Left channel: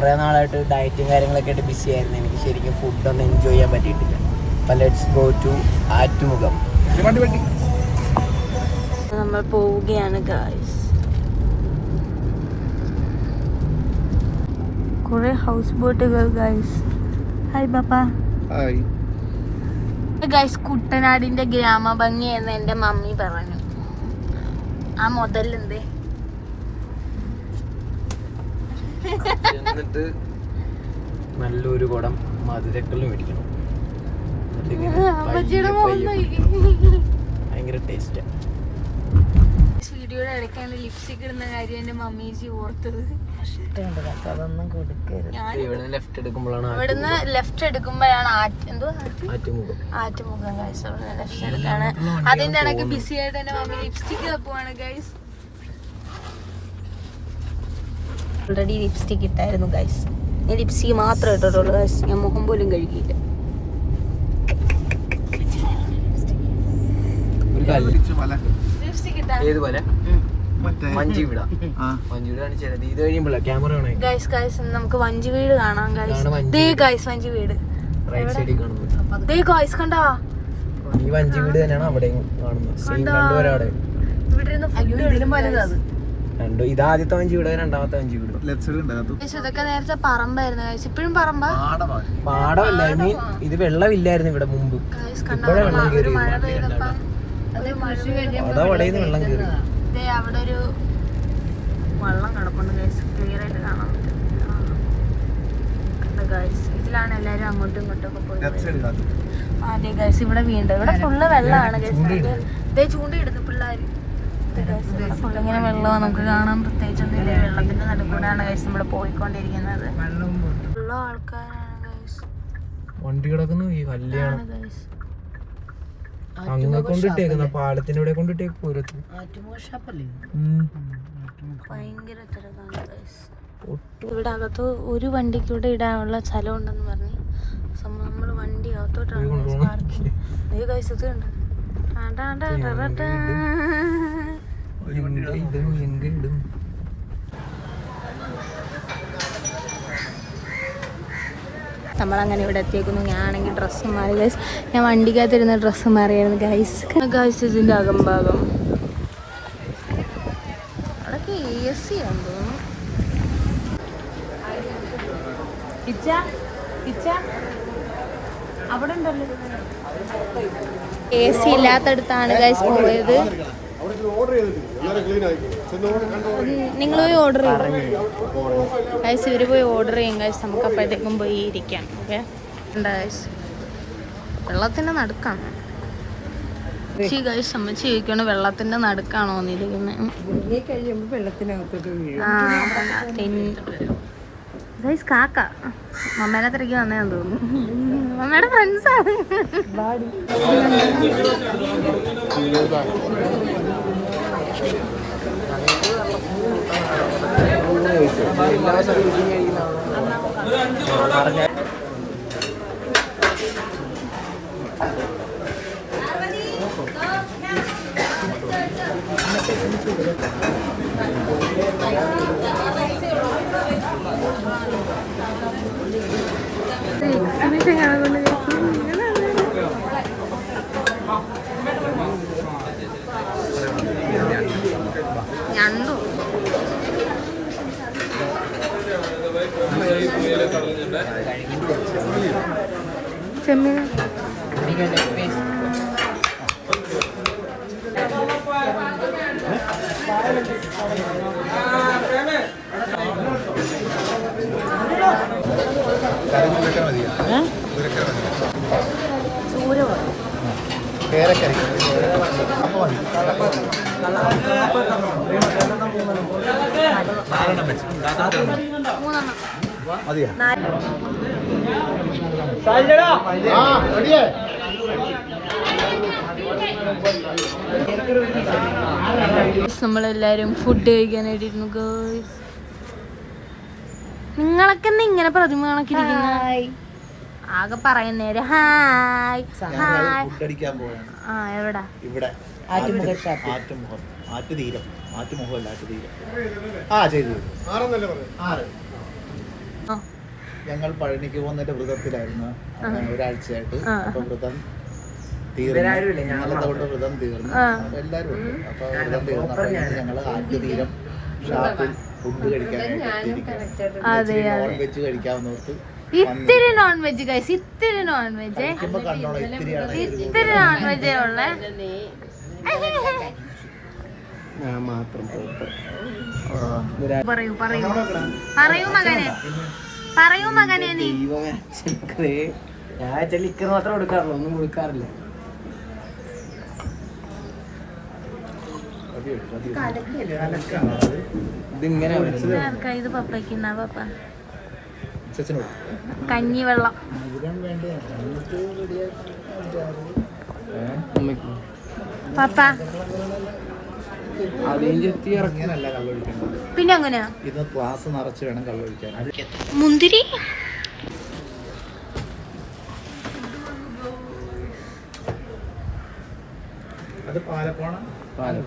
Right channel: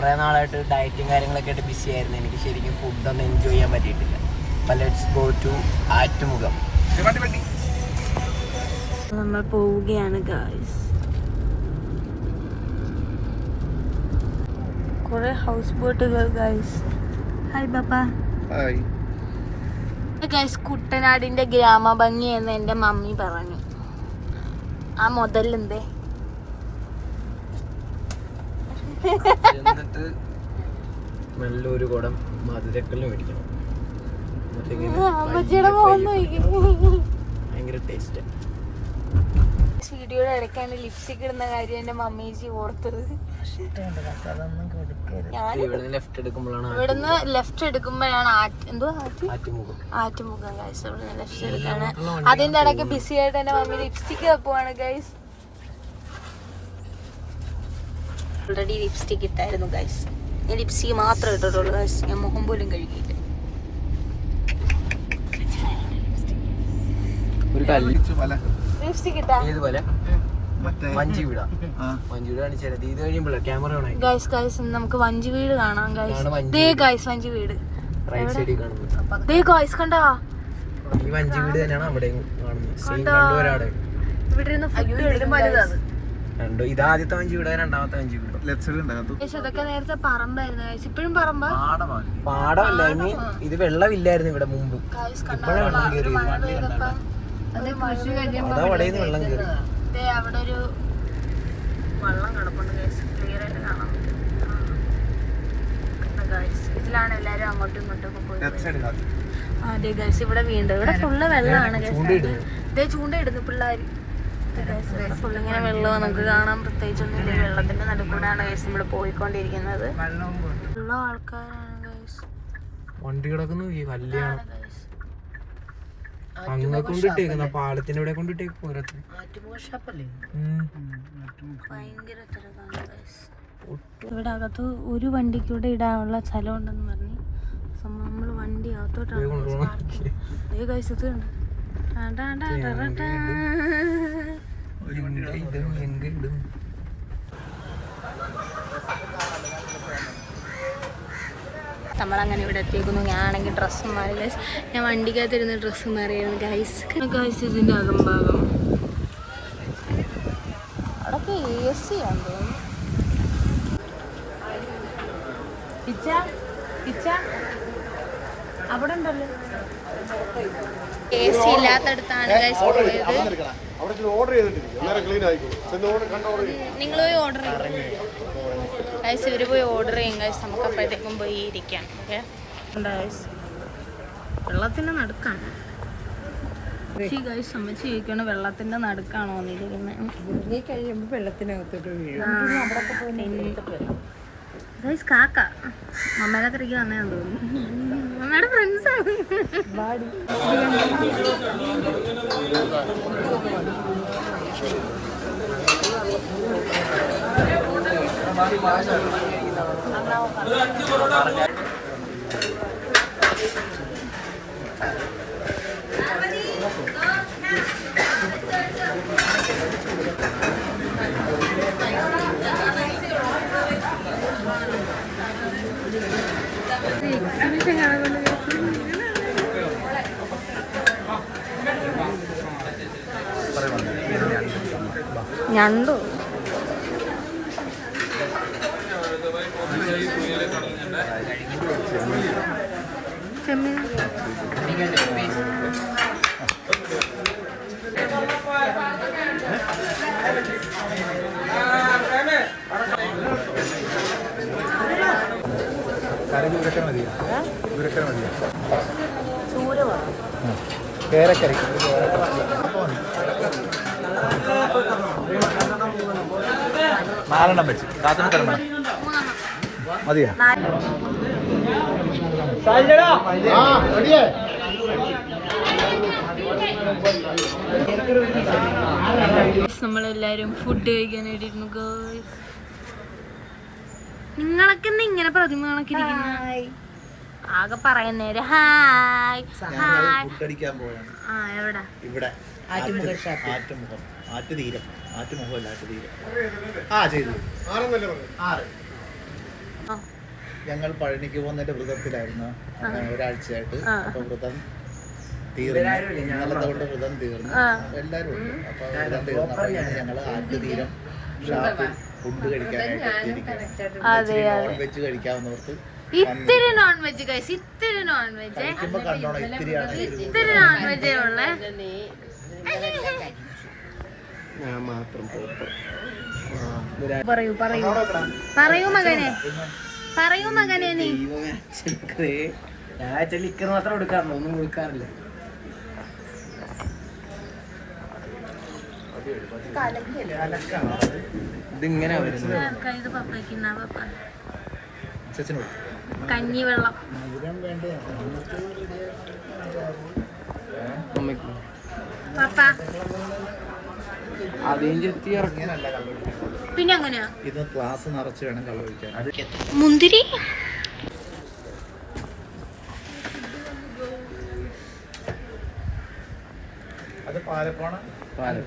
കുറേ നാളായിട്ട് ഡയറ്റും കാര്യങ്ങളൊക്കെ ആയിട്ട് ബിസി ആയിരുന്നു. എനിക്ക് ശരിക്കും ഫുഡൊന്നും എൻജോയ് ചെയ്യാൻ പറ്റിയിട്ടില്ല. അപ്പം ലെറ്റ്സ് ഗോ ടു ആറ്റുമുഖം. നമ്മൾ പോവുകയാണ് ഗായ്സ്. കുറെ ഹൗസ് ബോട്ടുകൾ ഗായ്സ്. ഹായ് പാപ്പ. ഹായ് ഗായ്സ്, കുട്ടനാടിന്റെ ഗ്രാമഭംഗി എന്ന് എൻ്റെ മമ്മി പറഞ്ഞു. ആ മുതലെന്തേ നല്ലൊരു കുടം മധുരക്കല്ല് മേടിക്കണം. ഭയങ്കര ടേസ്റ്റ്. വീഡിയോയുടെ ഇടയ്ക്കാണ് ലിപ്സ്റ്റിക് ഇടുന്ന കാര്യം എൻ്റെ മമ്മീജി ഓർത്തത്. അതൊന്നും കൊടുക്കരുത്. ഇവിടുന്ന് ലെഫ്റ്റ് എടുക്കുമ്പോഴാണ് ആറ്റുമുഖം ഗൈസ്. ഇവിടുന്ന് ലെഫ്റ്റ് എടുക്കാണ്. അതിന്റെ ഇടയ്ക്ക് ബിസി ആയിട്ട് എൻ്റെ മമ്മി ലിപ്സ്റ്റിക് വെക്കുവാണ് ഗൈസ്. ഓൾറെഡി ലിപ്സ്റ്റിക് ഇട്ടായിരുന്നു ഗൈസ്. ഞാൻ ലിപ്സ്റ്റിക് മാത്രമേ ഇട്ടിട്ടുള്ളൂ ഗൈസ്. ഞാൻ മുഖം പോലും കഴുകിയില്ല. ലിപ്സ്റ്റിക് ഇട്ടാ ഗൈസ് നമുക്ക് വഞ്ചി വീട് കാണാം ഗൈസ്. ദേ ഗൈസ് വഞ്ചി വീട്. ദേ ഗൈസ് കണ്ടാ, വഞ്ചി വീട് തന്നെയാണ് അവിടെ കാണുന്നത്. ഇവിടെ രണ്ടോ ഇത് ആദ്യത്തെ വഞ്ചി വീട്, രണ്ടാമത്തെ വഞ്ചി വീട്. ഇതൊക്കെ നേരത്തെ പറമ്പായിരുന്നു ഗൈസ്. ഇപ്പോഴും പറമ്പാ? പാടമല്ല, ഐ മീൻ ഇത് വെള്ളമില്ലായിരുന്നു ഇവിടെ മുമ്പ്. ഇപ്പോഴും വെള്ളം കയറി. വെള്ളം കയറി. അവിടെ ഒരു വെള്ളം കിടപ്പുണ്ട് ഗൈസ്. ക്ലിയർ ആയിട്ട് കാണാൻ പറ്റും ഗൈസ്. ഇതിലാണ് എല്ലാരും അങ്ങോട്ടും ഇങ്ങോട്ടും ഒക്കെ പോയി. അതെ ഗൈസ്, ഇവിടെ വീണ്ടും ഇവിടെ ഫുള്ള് വെള്ളമാണ് ഗൈസ്. ഇതേ ചൂണ്ടയിടുന്നു പിള്ളേര്. ഫുള്ളിങ്ങനെ വെള്ളമാണ് നമുക്ക് കാണാൻ. പ്രത്യേകിച്ച് വെള്ളത്തിന്റെ നടുക്കൂടാണ് ഗൈസ് നമ്മൾ പോയിക്കൊണ്ടിരിക്കുന്നത്. ഫുള്ള ആൾക്കാരാണ് ഗൈസ്. വണ്ടി കിടക്കുന്നു. ഈ കല്യാണം ഗൈസ് അങ്ങ് കൊണ്ടിട്ടേക്കുന്ന പാലത്തിന്റെ ഇവിടെ കൊണ്ടിട്ടേക്ക് പൂരത്തിന്. ഭയങ്കര തിരക്കാണ് ഗൈസ്. ഇവിടെ അകത്ത് ഒരു വണ്ടിക്ക് ഇവിടെ ഇടാനുള്ള സ്ഥലം ഉണ്ടെന്ന് പറഞ്ഞു. നമ്മൾ വണ്ടി അകത്തോട്ടാണ് ഗൈസ്. ഇത് ഉണ്ട്. നമ്മളങ്ങനെ ഇവിടെ എത്തിയേക്കുന്നു. ഞാനാണെങ്കിൽ ഡ്രസ്സ് മാറി ഗൈസ്. ഞാൻ വണ്ടിക്കകത്തിരുന്ന ഡ്രസ്സ് മാറിയായിരുന്നു ഗൈസ്. ഗൈസ് ഇതിൻ്റെ അകംഭാഗം അവിടെയൊക്കെ AC ആണെന്ന് തോന്നുന്നു. അവിടെ ഉണ്ടല്ലോ AC ഇല്ലാത്തടുത്താണ് ഗൈസ് പോയത്. നിങ്ങൾ പോയി ഓർഡർ ചെയ്യും ഗൈസ്. ഇവർ പോയി ഓർഡർ ചെയ്യും ഗൈസ്. നമുക്ക് അപ്പോഴത്തേക്കും പോയി ഇരിക്കാം. ഓക്കെ ഗൈസ്, വെള്ളത്തിൻ്റെ നടുക്കാണ് ഗൈസ്. അമ്മച്ചി ചോദിക്കണം വെള്ളത്തിൻ്റെ നടുക്കാണോ എന്നിരിക്കുന്നത്. ഗൈസ് കാക്ക മമ്മേനെ തിരക്കി വന്നേന്ന് തോന്നുന്നു. മമ്മയുടെ ഫ്രണ്ട്സാണ്. ഞണ്ടു ചെമ്മീൻ നമ്മളെല്ലാരും ഫുഡ് കഴിക്കാനായിട്ടിരുന്നു ഗേൾസ്. നിങ്ങളൊക്കെ എന്താ ഇങ്ങനെ പ്രതിമ കണക്കിരിക്കുന്ന? ആകെ പറയുന്നേര് ഹായ് ഹായ്. എവിടാ? ഇവിടെ ആറ്റുമുഖം, ആറ്റുതീരം, ആറ്റുമുഖമല്ല ആറ്റുതീരം. ആ ചെയ്തു ഞങ്ങൾ പഴനിക്ക് പോകുന്നതിന്റെ വ്രതത്തിലായിരുന്നു ഒരാഴ്ചയായിട്ട്. അപ്പൊ വ്രതം തീർന്നു, ഇന്നലത്തെ കൊണ്ട് വ്രതം തീർന്നു. എല്ലാരും ഉണ്ട്. അപ്പൊ വ്രതം തീർന്നു. അപ്പൊ ഞങ്ങൾ ആറ്റുതീരം ഷാപ്പിൽ ഫുഡ് കഴിക്കാനായിട്ട് നോൺ വെജ് കഴിക്കാവുന്നവർക്ക് ഇത്തിരി നോൺ വെജ് കഴിച്ച് ഇത്തിരി നോൺ വെജ് കഴിക്കുമ്പോ കണ്ടോളാം. ഇത്തിരിയാണ് ഇത്തിരി നോൺ വെജ് ഉള്ള ഞാൻ മാത്രം പറയൂ പറയൂ പറയൂ മകനെ പറയൂ മകനെ നീ. ഞാൻ ലിക്കർ മാത്രം കൊടുക്കാറുള്ളൂ, ഒന്നും കൊടുക്കാറില്ല. ഇതിങ്ങനെ ഇത് പപ്പയ്ക്കുന്ന പപ്പ ചച്ചനോട് കഞ്ഞി വെള്ളം പപ്പ പിന്നെ എങ്ങനെയാ ഇത് ക്ലാസ് നിറച്ച് വേണം കളൊഴിക്കാൻ. മുന്തിരി അത് പാലക്കാണ്. പാലം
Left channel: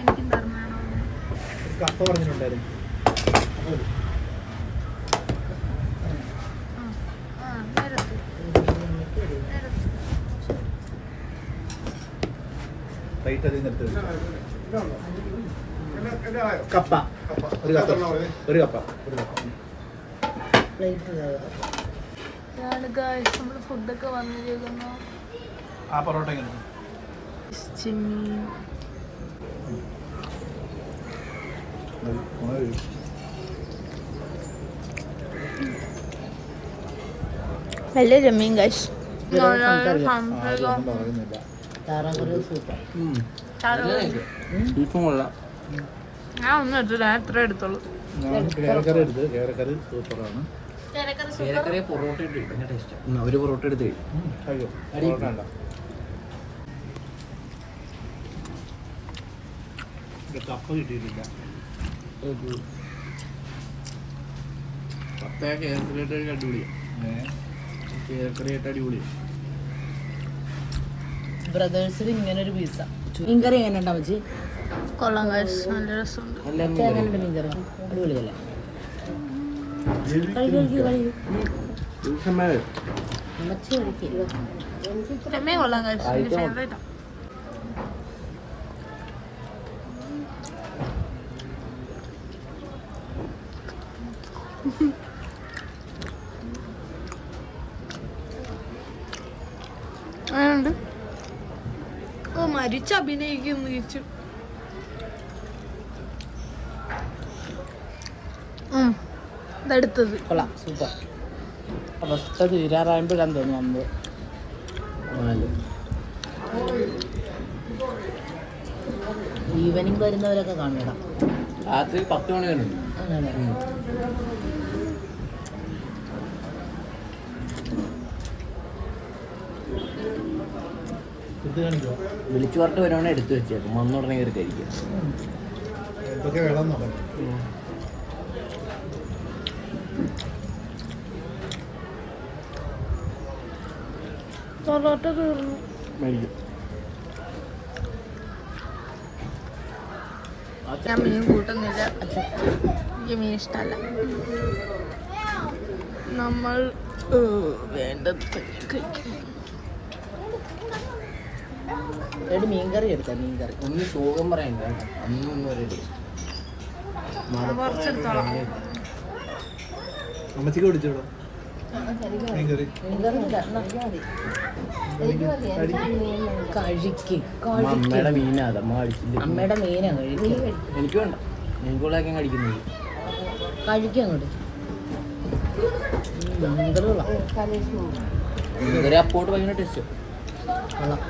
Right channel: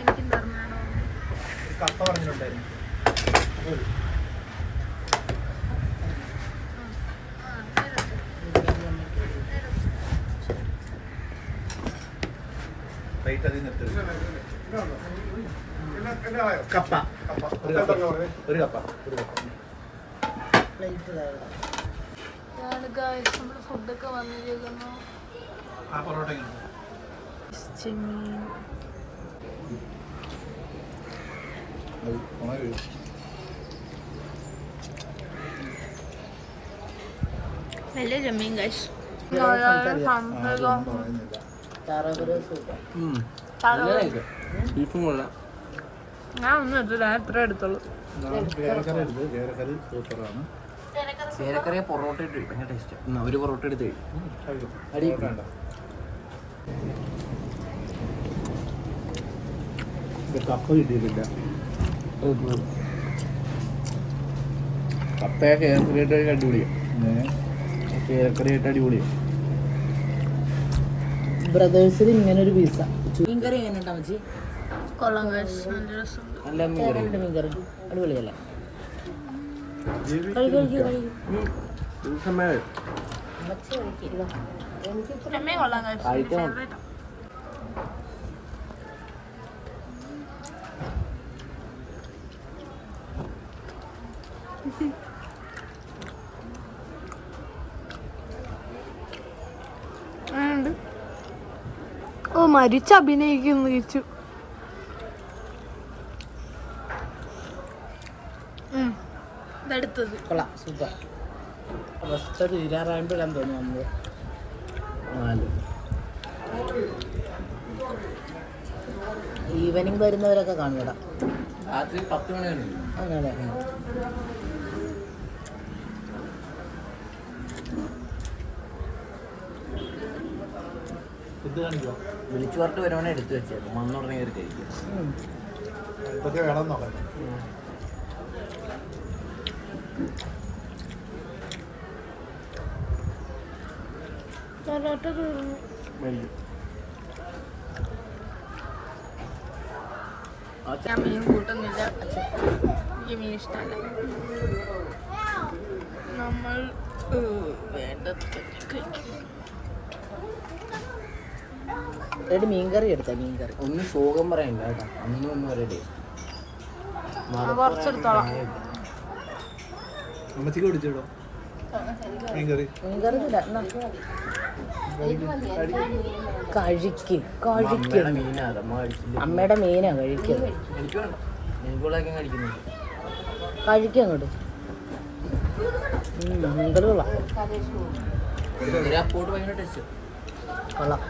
എനിക്കും പറഞ്ഞാണോ കപ്പ പറഞ്ഞിട്ടുണ്ടായിരുന്നു. കപ്പ ഒരു കപ്പ ഒരു കപ്പ ഒരു കപ്പ. നമ്മള് ഫുഡൊക്കെ വന്നിരിക്കുന്നു. ആ പൊറോട്ട എങ്ങനെ ചെമ്മീൻ നല്ല ചെമ്മീൻ കഴിച്ചു. ബീഫും കൊള്ളാം. ഞാൻ ഒന്നും എടുത്തില്ല, ഞാൻ എത്ര എടുത്തോളൂ. കേരക്കറി സൂപ്പറാണ്. ചേരക്കറി പൊറോട്ട ഇട്ട് ഭയങ്കര ടേസ്റ്റ്. ഒരു പൊറോട്ട എടുത്ത് കഴിക്കും. കപ്പ കിട്ടിയിട്ടില്ല. കപ്പയെ കേരക്കറിയായിട്ട് അടിപൊളിയാണ്. കേരക്കറിയായിട്ട് അടിപൊളിയാണ്. ബ്രദേഴ്സിൽ ഇങ്ങനെ ഒരു പീസ മീൻകറി എങ്ങനെ ഉണ്ടാവും ചേച്ചി? കൊള്ളാം കഴിച്ചു, നല്ല രസമുണ്ട്. എങ്ങനെയുണ്ട് മീൻകറി? അടിപൊളിയല്ലേ? ചെമ്മീൻ കൊള്ളാം കഴിച്ചു, എൻ്റെ ഫേവറേറ്റാ. ഓ മരിച്ച് അഭിനയിക്കുന്നു ചേച്ചു. ഇതെടുത്തത് കൊള്ളാം, സൂപ്പർ. ഫസ്റ്റ് തീരാറായപ്പോഴാന്ന് തോന്നുന്നു നമ്മള് ഈവനിങ് വരുന്നവരൊക്കെ കാണണം. രാത്രി 10 മണി വരെ. വിളിച്ചു പറഞ്ഞിട്ട് വരുവാണെ എടുത്തു വെച്ചായിരുന്നു. വന്നുടനെ കയറി കഴിക്കാം. ഇതൊക്കെ വേണം നോക്കാം. പൊറോട്ട തീർന്നു. ഞാൻ മീൻ കൂട്ടുന്നില്ല, എനിക്ക് മീൻ ഇഷ്ടമല്ല. നമ്മൾ വേണ്ടത് ഒരു മീൻകറി എടുക്കാം. മീൻകറി ഒന്ന് സുഖം പറയണ്ട കേട്ടോ. ഒന്നും പറയണ്ടേ. കുറച്ചെടുത്തോളാം. അമ്മച്ചിക്ക് പിടിച്ചോളൂ മീൻകറി. അമ്മയുടെ മീനാണ് അമ്മ കഴിച്ചില്ല. അമ്മയുടെ മീനാ കഴിക്കുക. എനിക്ക് വേണ്ട, എനിക്കുള്ളതൊക്കെ കഴിക്കുന്നത്. കഴിക്കുക അങ്ങോട്ട്. മീൻകറി കൊള്ളാം. ഒരു അപ്പോട്ട് ഭയങ്കര ടേസ്റ്റ്. കൊള്ളാം.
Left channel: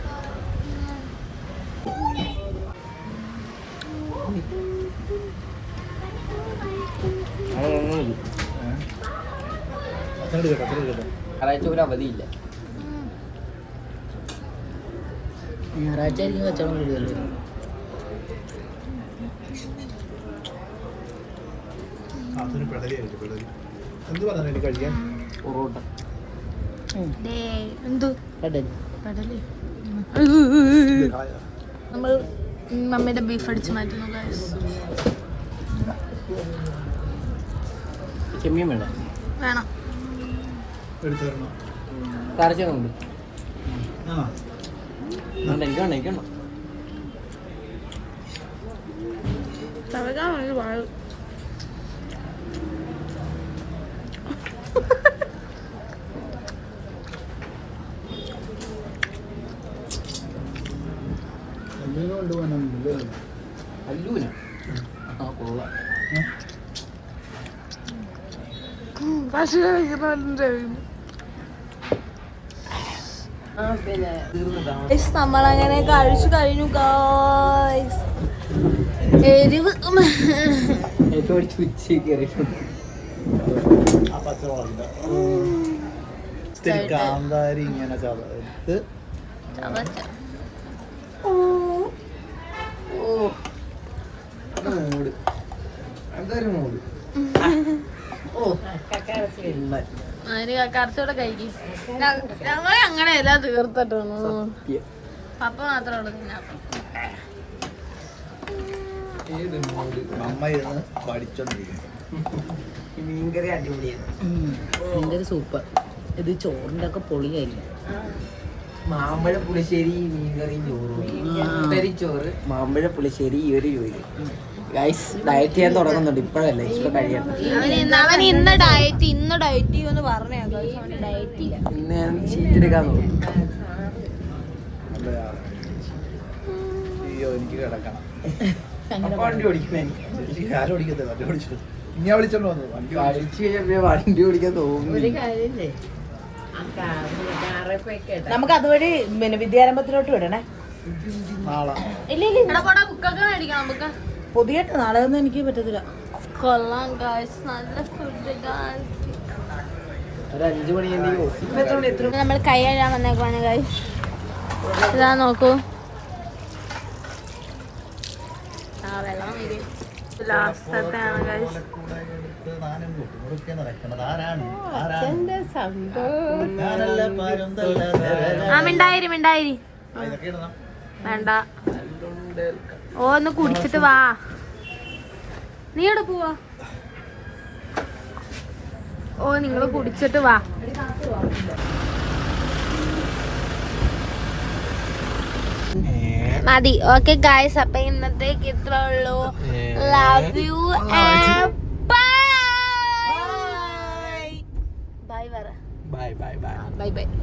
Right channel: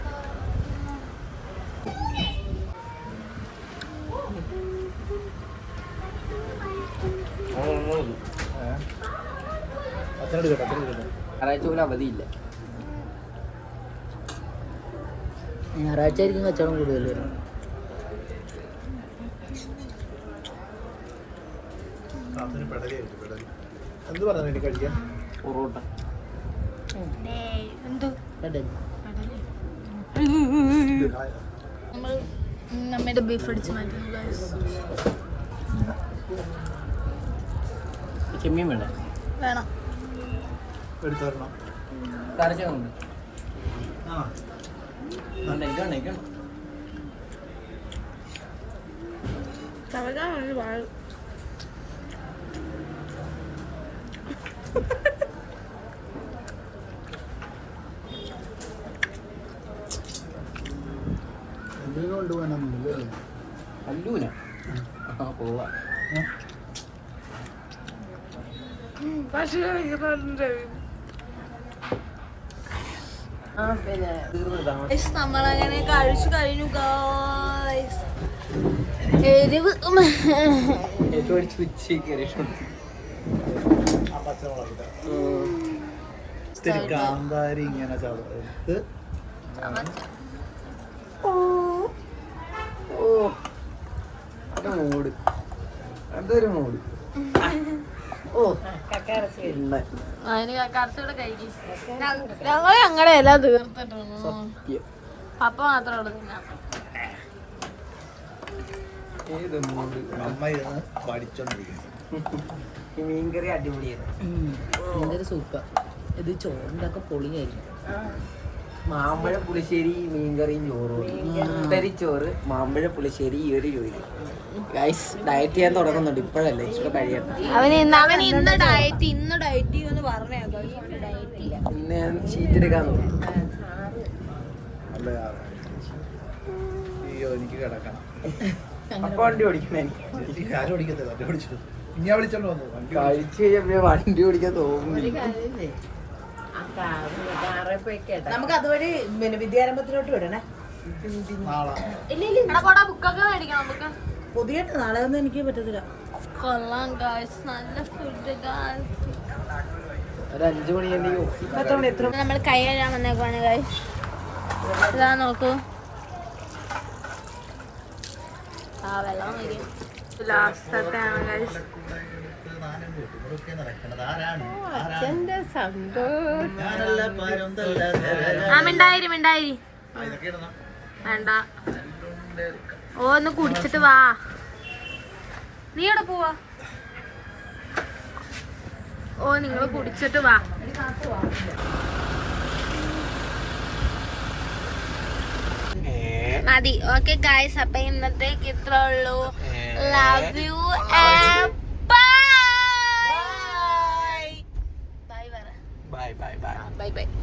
ഞായറാഴ്ച ഒരു അവധിയില്ല. ഞായറാഴ്ച ആയിരിക്കും കച്ചവടം കൂടുതൽ. എന്ത് പറഞ്ഞു എനിക്ക് കഴിക്കാൻ? പൊറോട്ട എന്ത് കടൽ നമ്മൾ മമ്മിയുടെ ബീഫ് അടിച്ച് മാറ്റുന്നു ഗൈസ്. ചെമ്മീൻ വേണം. വേണം. എടുത്തു തരണം. കറിച്ചുണ്ട്. ആ എനിക്കുണ്ട്. തവകാൻ വേണ്ടി വാഴും. എന്തിനു കൊണ്ടുപോകാനൊന്നുമില്ലേ? അല്ലൂന കൊള്ളാം. പക്ഷേ നമ്മളങ്ങനെ കഴിച്ചു കഴിഞ്ഞു ഗായ്സ്. എരിവ് ഇത്തിരി കാന്താരി ഇങ്ങനെ ചതച്ച് അതിന് കറുത്തൂടെ കഴിക്കും. ഞങ്ങൾ ഞങ്ങളുടെ എല്ലാം തീർത്തിട്ടുണ്ട്. പപ്പ മാത്രമേ ഉള്ളൂ തിന്നാൻ. അമ്മ ഇരുന്ന് പഠിച്ചോണ്ടിരിക്കുന്നു. മീൻകറി അടിപൊളിയായിരുന്നു. ഭയങ്കര സൂപ്പർ. ഇത് ചോറിന്റെ ഒക്കെ പൊളിയായിരിക്കും. മാമ്പഴ പുളിശ്ശേരി മീൻകറിയും ചോറും. ചോറ് മാമ്പഴ പുളിശ്ശേരി ഈ ഒരു ജോലി. ഗൈസ് ഡയറ്റ് ചെയ്യാൻ തുടങ്ങുന്നുണ്ട്. ഇപ്പോഴല്ലേ ഇച്ചിരി കഴിയണം. അവൻ ഇന്ന് ഡയറ്റ് ചെയ്യുമെന്ന് പറഞ്ഞേക്കാം. ഡയറ്റ് ചെയ്യാം. ഇന്ന് ഞാൻ ഷീറ്റ് എടുക്കാൻ നോക്കും. അയ്യോ എനിക്ക് കിടക്കണം. വണ്ടി ഓടിക്കണേ. ആരും ഓടിക്കത്തില്ല. വണ്ടി ഓടിച്ചു ഞാൻ വിളിച്ചോണ്ട് വന്നു. വണ്ടി കഴിച്ചു കഴിഞ്ഞാൽ വണ്ടി ഓടിക്കാൻ തോന്നുന്നില്ല. നമുക്ക് അതുവഴി പിന്നെ വിദ്യാരംഭത്തിലോട്ട് വിടണേ. നാളെ ബുക്കൊക്കെ മേടിക്കണം. ബുക്ക് പുതിയ നാളെ ഒന്നും എനിക്ക് പറ്റത്തില്ല. കൊള്ളാം ഗായ്സ്. നല്ല ഫുഡ് ഗായ്സ്. ഒരു 5 മണിയാണെങ്കിൽ നമ്മൾ കൈ കഴുകാൻ വന്നേക്കുവാണ് ഗായ്സ്. ഇതാ നോക്കൂ. ആ വെള്ളം വരും. ലാസ്റ്റത്താണ് ഗായ്സ്. മിണ്ടായിരി വേണ്ട. ഓ ഒന്ന് കുടിച്ചിട്ട് വാ. നീ എവിടെ പോവാ? ഓ നിങ്ങള് കുടിച്ചിട്ട് വാ. മതി. ഓക്കെ ഗായ്സ്, അപ്പൊ ഇന്നത്തേക്ക് ഇത്ര ഉള്ളൂ. Love you.